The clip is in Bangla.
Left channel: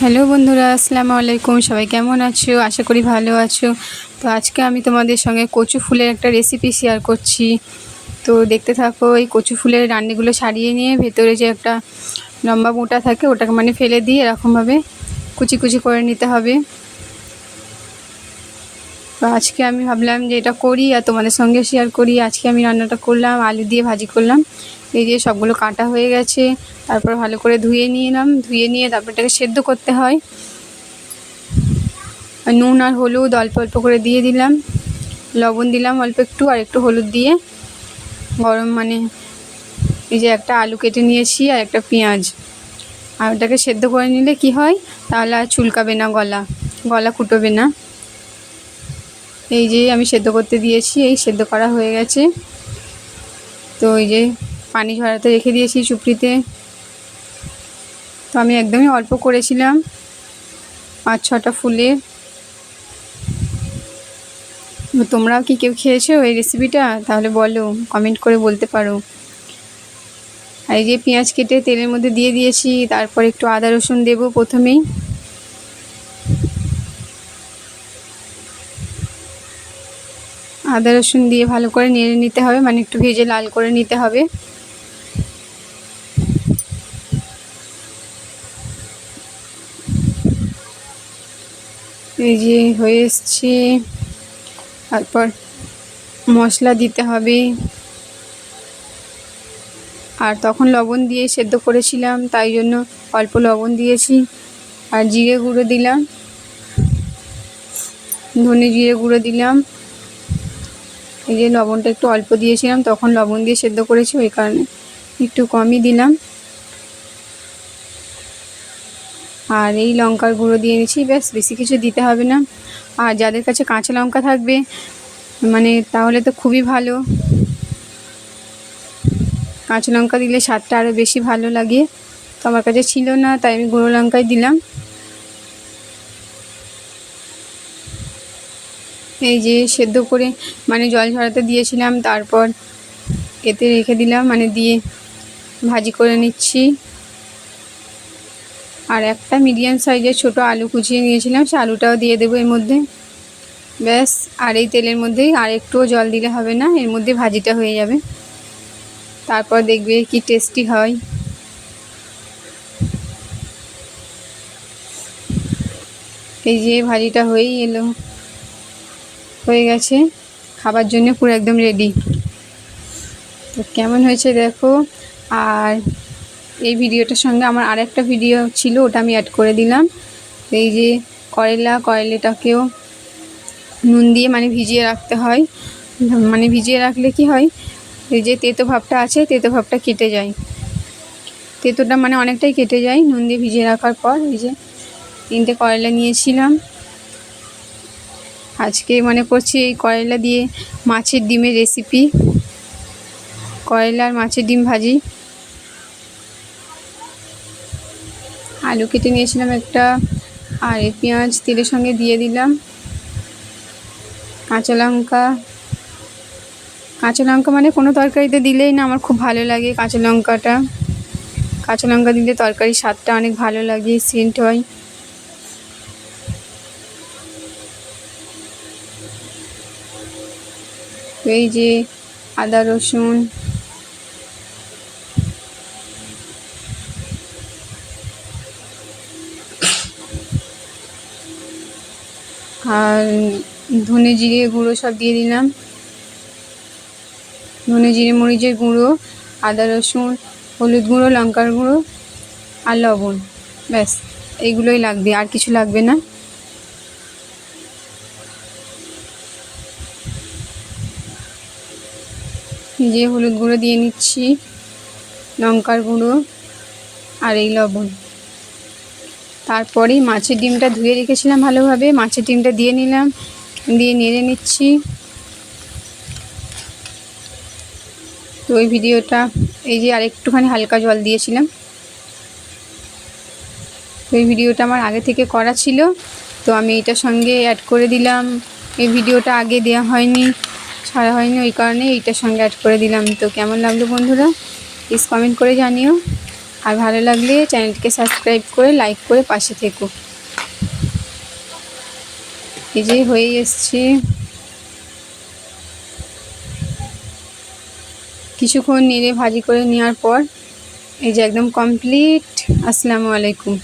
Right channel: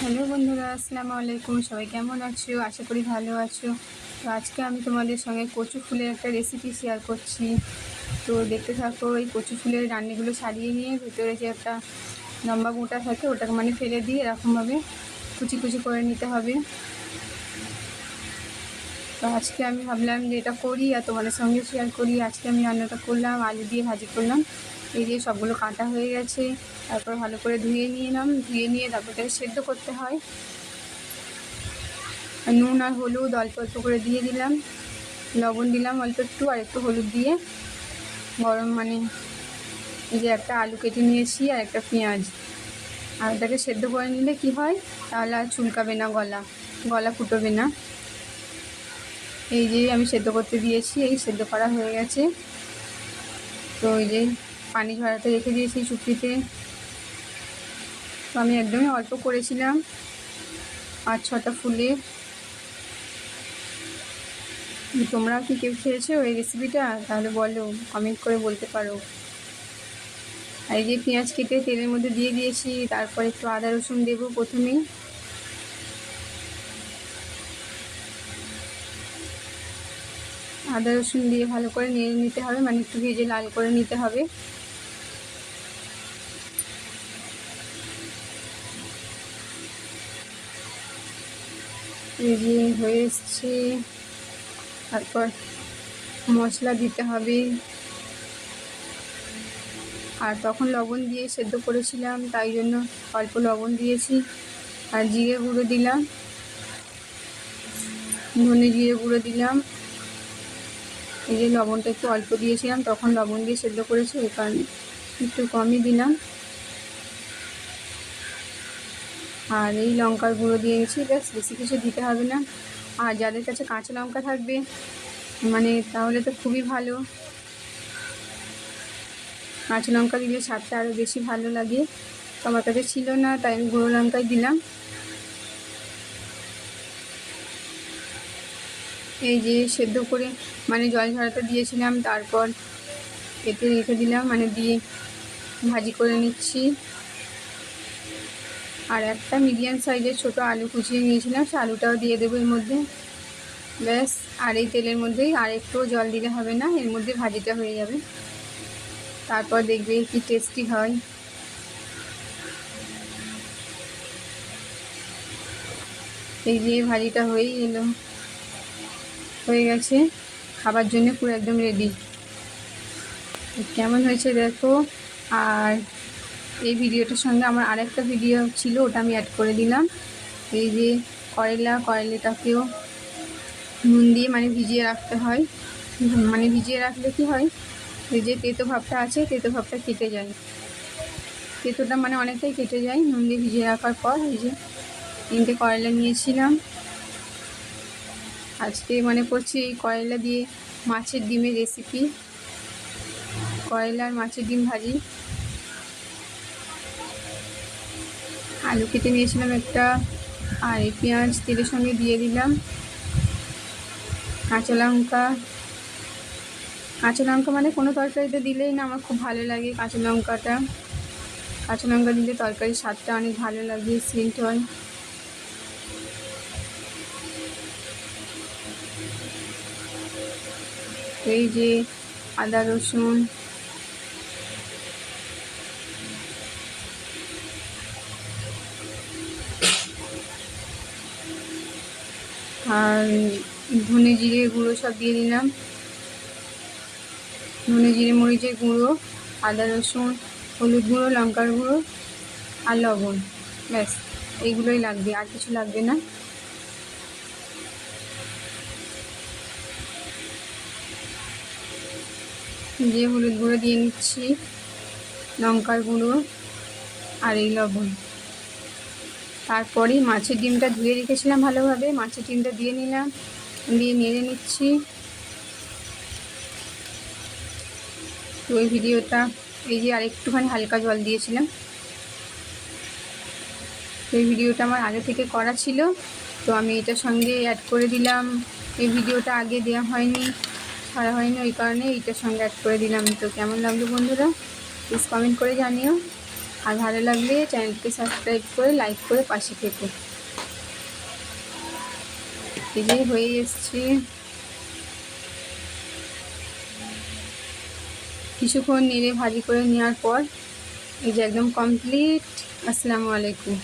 হ্যালো বন্ধুরা, আসসালামু আলাইকুম। সবাই কেমন আছো? আশা করি ভালো আছো। তো আজকে আমি তোমাদের সঙ্গে কচু ফুলের একটা রেসিপি শেয়ার করছি। তো দেখতে থাকো। এই কচু ফুলের ডান্ডিগুলো ছাড়িয়ে নিয়ে ভেতরে যে একটা লম্বা মোটা থাকে ওটাকে ফেলে দিয়ে এরকমভাবে কুচি কুচি করে নিতে হবে। তো আজকে আমি ভাবলাম যে এটা করি আর তোমাদের সঙ্গে শেয়ার করি। আজকে আমি রান্নাটা করলাম, আলু দিয়ে ভাজি করলাম। এই যে সবগুলো কাটা হয়ে গেছে। তারপর ভালো করে ধুয়ে নিলাম, ধুয়ে নিয়ে তারপর এটাকে সেদ্ধ করতে হয়। নুন আর হলুদ অল্প অল্প করে দিয়ে দিলাম, লবণ দিলাম অল্প একটু, আর একটু হলুদ দিয়ে গরম এই যে একটা আলু কেটে নিয়েছি আর একটা পেঁয়াজ, আর ওটাকে সেদ্ধ করে নিলে কি হয়, তাহলে আর চুলকাবে না, গলা কুটোবে না। এই যে আমি সেদ্ধ করতে দিয়েছি, এই সেদ্ধ করা হয়ে গেছে। তো এই যে পানি ঝরাতে রেখে দিয়েছি চুপড়িতে। তো আমি একদমই অল্প করেছিলাম, 5-6টা ফুলের। তোমরাও কি কেউ খেয়েছো এই রেসিপিটা? তাহলে বলো, কমেন্ট করে বলতে পারো। আর এই যে পেঁয়াজ কেটে তেলের মধ্যে দিয়ে দিয়েছি, তারপর একটু আদা রসুন দেবো প্রথমেই। আদা রসুন দিয়ে ভালো করে নেড়ে নিতে হবে, একটু ভেজে লাল করে নিতে হবে। এই যে হয়ে এসছে। তারপর মশলা দিতে হবে, আর তখন লবণ দিয়ে সেদ্ধ করেছিলাম, তাই জন্য অল্প লবণ দিয়েছি। আর জিরে গুঁড়ো দিলাম, ধনে জিরে গুঁড়ো দিলাম। এই যে লবণটা একটু অল্প দিয়েছিলাম, তখন লবণ দিয়ে সেদ্ধ করেছি, ওই কারণে একটু কমই দিলাম। আর এই লঙ্কার গুঁড়ো দিয়ে নিচ্ছি, ব্যাস, বেশি কিছু দিতে হবে না। আর যাদের কাছে কাঁচা লঙ্কা থাকবে তাহলে তো খুবই ভালো, কাঁচা লঙ্কা দিলে স্বাদটা আরও বেশি ভালো লাগে। তো আমার কাছে ছিল না, তাই আমি গুঁড়ো লঙ্কাই দিলাম। এই যে সেদ্ধ করে জল ঝরাতে দিয়েছিলাম, তারপর এতে রেখে দিলাম, দিয়ে ভাজি করে নিচ্ছি। আর একটা মিডিয়াম সাইজের ছোট আলু কুচিয়ে নিয়েছিলাম, সে আলুটাও দিয়ে দেবো এর মধ্যে। ব্যাস, আর এই তেলের মধ্যেই, আর একটুও জল দিলে হবে না, এর মধ্যে ভাজিটা হয়ে যাবে। তারপর দেখবে কি টেস্টি হয়। এই যে ভাজিটা হয়েই এলো, হয়ে গেছে, খাবার জন্য পুরো একদম রেডি। তো কেমন হয়েছে দেখো। আর এই ভিডিওটার সঙ্গে আমার আরেকটা ভিডিও ছিল, ওটা আমি অ্যাড করে দিলাম। এই যে করেলাটাকেও নুন দিয়ে ভিজিয়ে রাখতে হয়। ভিজিয়ে রাখলে কি হয়, এই যে তেতো ভাবটা আছে, তেতো ভাবটা কেটে যায়, তেতোটা অনেকটাই কেটে যায় নুন দিয়ে ভিজিয়ে রাখার পর। এই যে 3টে করেলা নিয়েছিলাম। আজকে করছি এই করেলা দিয়ে মাছের ডিমের রেসিপি, করেলা আর মাছের ডিম ভাজি। আলু কেটে নিয়েছিলাম একটা, আর এই পেঁয়াজ তেলের সঙ্গে দিয়ে দিলাম। কাঁচা লঙ্কা কোনো তরকারিতে দিলেই না আমার খুব ভালো লাগে কাঁচা লঙ্কাটা। কাঁচা লঙ্কা দিলে তরকারির স্বাদটা অনেক ভালো লাগে, সেন্ট হয়। এই যে আদা রসুন, আর ধনে জিরে গুঁড়ো সব দিয়ে দিলাম, ধনে জিরে মরিচের গুঁড়ো, আদা রসুন, হলুদ গুঁড়ো, লঙ্কার গুঁড়ো আর লবণ। ব্যাস, এইগুলোই লাগবে, আর কিছু লাগবে না। যে হলুদ গুঁড়ো দিয়ে নিচ্ছি, লঙ্কার গুঁড়ো আর এই লবণ। তারপরেই মাছের ডিমটা ধুয়ে রেখেছিলাম ভালোভাবে, মাছের ডিমটা দিয়ে নিলাম, দিয়ে নেড়ে নিচ্ছি। তো ওই ভিডিওটা, এই যে আর একটুখানি হালকা জল দিয়েছিলাম। তো এই ভিডিওটা আমার আগে থেকে করা ছিল, তো আমি এটার সঙ্গে অ্যাড করে দিলাম। এই ভিডিওটা আগে দেওয়া হয়নি, ছাড়া হয়নি, ওই কারণে এইটার সঙ্গে অ্যাড করে দিলাম। তো কেমন লাগলো বন্ধুরা, প্লিজ কমেন্ট করে জানিও। আর ভালো লাগলে চ্যানেলটিকে সাবস্ক্রাইব করে লাইক করে পাশে থেকো। এই যে হয়ে এসছে, কিছুক্ষণ নেড়ে ভাজি করে নেওয়ার পর এই যে একদম কমপ্লিট। আসসালামু আলাইকুম।